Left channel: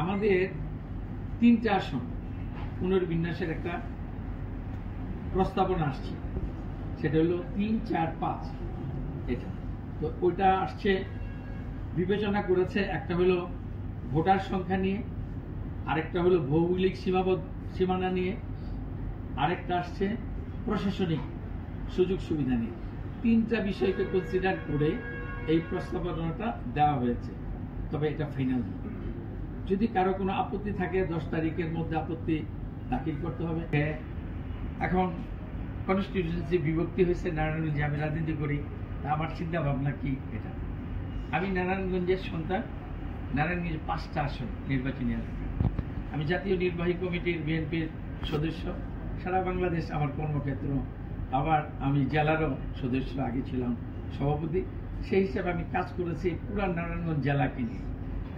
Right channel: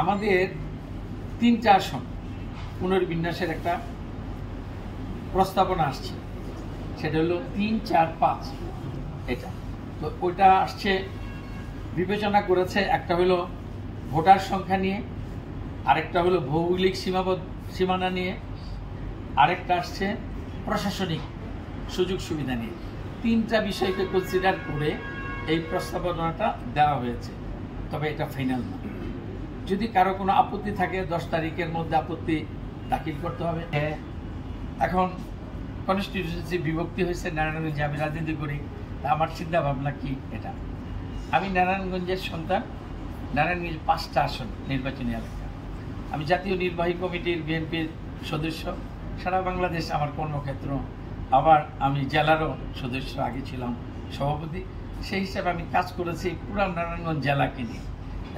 আমাদের 3টা আসন পুনর্বিন্যাসের একটা প্রস্তাবনা আসছে, সেটা হলো 3, 4, 5 এটা। তো ওইটা আসছে, বিবেচনা করেছে, একটা হলো ভোটার সংখ্যা নিয়ে, আরেকটা হলো ভৌগোলিক সীমানা নিয়ে, আরেকটা আসছে প্রশাসনিক সুযোগ সুবিধা নিয়ে। 3টা বিষয়কে কনসিডার করে এই প্রস্তাবনাটা দেওয়া হয়েছে, তবে এটা ফাইনাল না। যদি কারো কোনো আপত্তি থাকে 10 তারিখের মধ্যে আপত্তি দাখিল করতে হবে। এখন কনস্টিটিউয়েন্সি বিভক্তি হয়েছে নারায়ণগঞ্জে, আমি রাজনীতি করি, তা আমার চিন্তা ভাবনা কি এটা। আমি নারায়ণগঞ্জের সন্তান, নারায়ণগঞ্জে 5টা আসন নির্বাচনী এলাকা। আমি জাতীয় নির্বাহী কমিটির বিএনপির সদস্য, সারা বাংলাদেশ আমার কর্মক্ষেত্র। আবার আমি জেলারও সদস্য, আগে ছিলাম সভাপতি। সেই হিসাবে আমি কাজ করেছি পুরা নারায়ণগঞ্জ জেলাকে নিয়ে,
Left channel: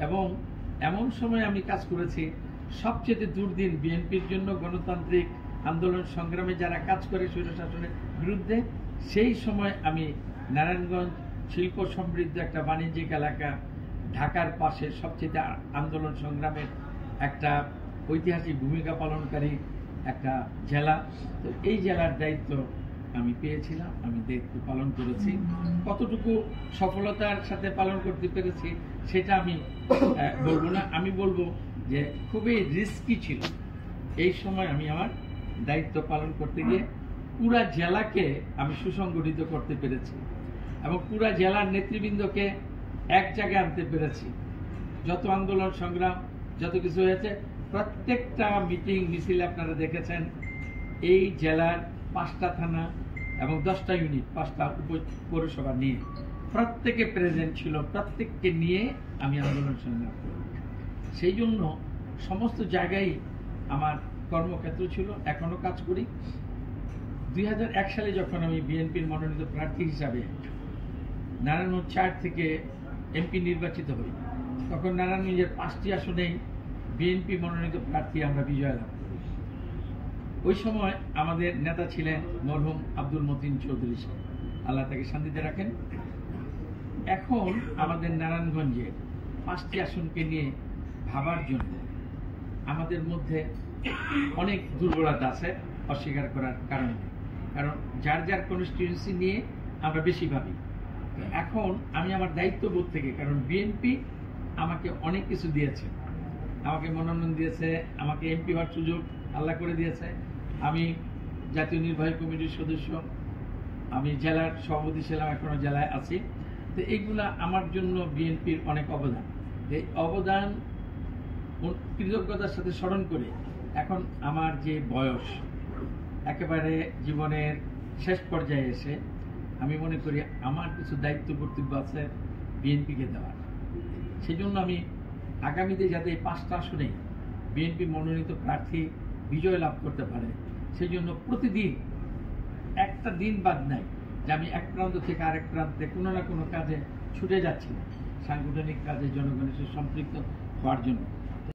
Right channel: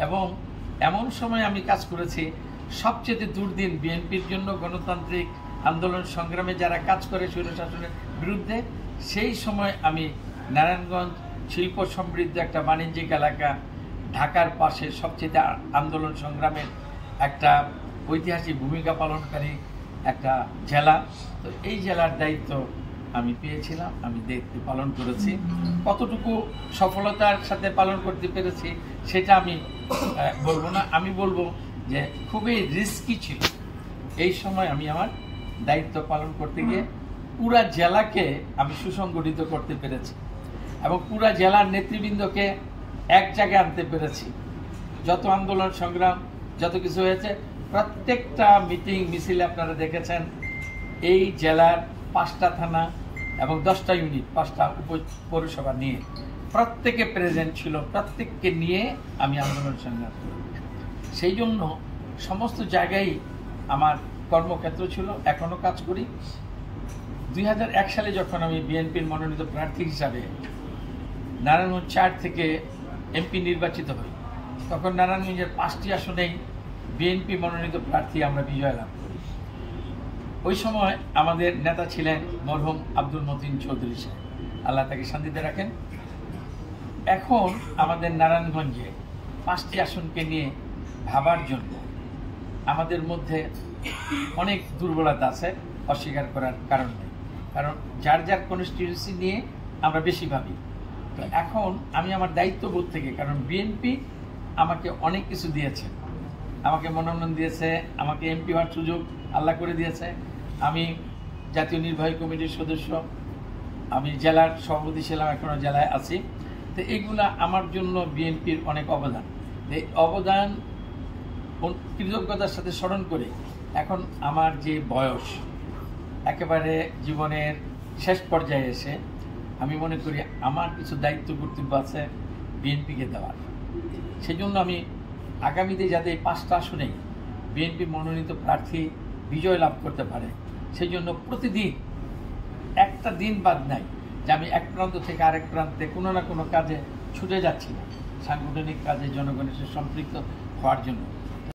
এবং এমন সময় আমি কাজ করেছি সবচেয়ে দুর্দিন বিএনপির জন্য গণতান্ত্রিক আন্দোলন সংগ্রামে যারা কাজ করে স্বৈরশাসনের বিরুদ্ধে। সেই সময় আমি নারায়ণগঞ্জ শিল্প সমৃদ্ধ একটা বাণিজ্যিক এলাকা, ঢাকার পাশে সবচেয়ে আন্দোলন সংগ্রামের একটা ঐতিহাসিক ভূমিকা পালনকারী একটা জেলা। তো এই জেলার দায়িত্ব আমি পেয়েছিলাম, আমি দায়িত্ব পালন করেছি। কতটুকু সফলতার সাথে পালন করতে পেরেছি সেটা আমি বলবো না, আমি বলবো যে খুবই রিস্কি ছিল। এই সময় আমি আমার দায়িত্ব পালন করতে গিয়ে পুরা জেলাকে আমি সুসংগঠিত করতে পেরেছি, এবং পুরা জেলার নেতৃবৃন্দকে এক জায়গায় আনতে পেরেছি। যত আন্দোলন সংগ্রাম, যত কিছু হয়েছে, প্রত্যেকটা মিটিং মিছিলে আপনারা দেখেছেন এই জেলার 5টা থানা এবং 10টা ইউনিট, 5টা পৌরসভা নিয়ে প্রত্যেকে প্রেজেন্ট ছিল। প্রত্যেককে নিয়ে আমি আন্দোলন সংগ্রাম করি। সেই জন্য সমস্ত জায়গায় আমার কর্মক্ষেত্র ছিল, এখনও কাজ করি। 2001 সালে যখন আমি বিএনপির মনোনীত প্রার্থী হিসাবে নারায়ণগঞ্জ 4 থেকে এমপি নির্বাচিত হই, তখন নারায়ণগঞ্জের 5টি আসনেই বিএনপি মনোনীত প্রার্থী আমরা বিজয় লাভ করি। ওই সময় আমাদের নেতা ছিলেন মরহুম আব্দুল মতিন চৌধুরী সাহেব, আল্লাহ তাকে শান্তিতে রাখেন। এখন আমাদের নারায়ণগঞ্জে 5টি আসনকে নিয়ে ভাবার জন্য আমাদের মধ্যে অনেক দুর্বলতা আছে, অস্বীকার করার কারণ নেই, কারণ যার যার কনস্টিটিউয়েন্সি নিয়ে আমরা বেশি ভাবি। তো এখন আমি আমার দায়িত্ববোধ থেকে, কারণ বিএনপি আমাকে অনেক কিছু দিয়েছে, আমাকে মনোনয়ন দিয়েছে, আমাকে এমপি হওয়ার সুযোগ আল্লাহ করে দিয়েছে, আমি জাতীয় নির্বাহী কমিটির সদস্য, আমি জেলার সভাপতি ছিলাম, এখনও জেলায় আছি। তো এইগুলা আমার জন্য বিএনপির অনেক অবদান। এই অবদান কৃতজ্ঞতার সাথে স্মরণ করে এখন আমার যে বয়স, একেবারে জীবনের শেষ পর্যায়ে এসে আমি মনে করি আমার কিছু দায়িত্ব কর্তব্য আছে বিএনপিকে দেওয়ার। সেই জন্য আমি আগামীতে যাতে এই 5টা আসনে বিএনপি মনোনীত প্রার্থী বিজয় লাভ করতে পারে, সেই জন্য প্রতিদিন একটা দিন বাদ নাই যে আমি এক প্রান্ত থেকে আরেক প্রান্তে কোনো না কোনো কাজে ছুটে যাচ্ছি না, সাংগঠনিক কাজে জনগণের সাথে সম্পৃক্ত হওয়ার জন্য।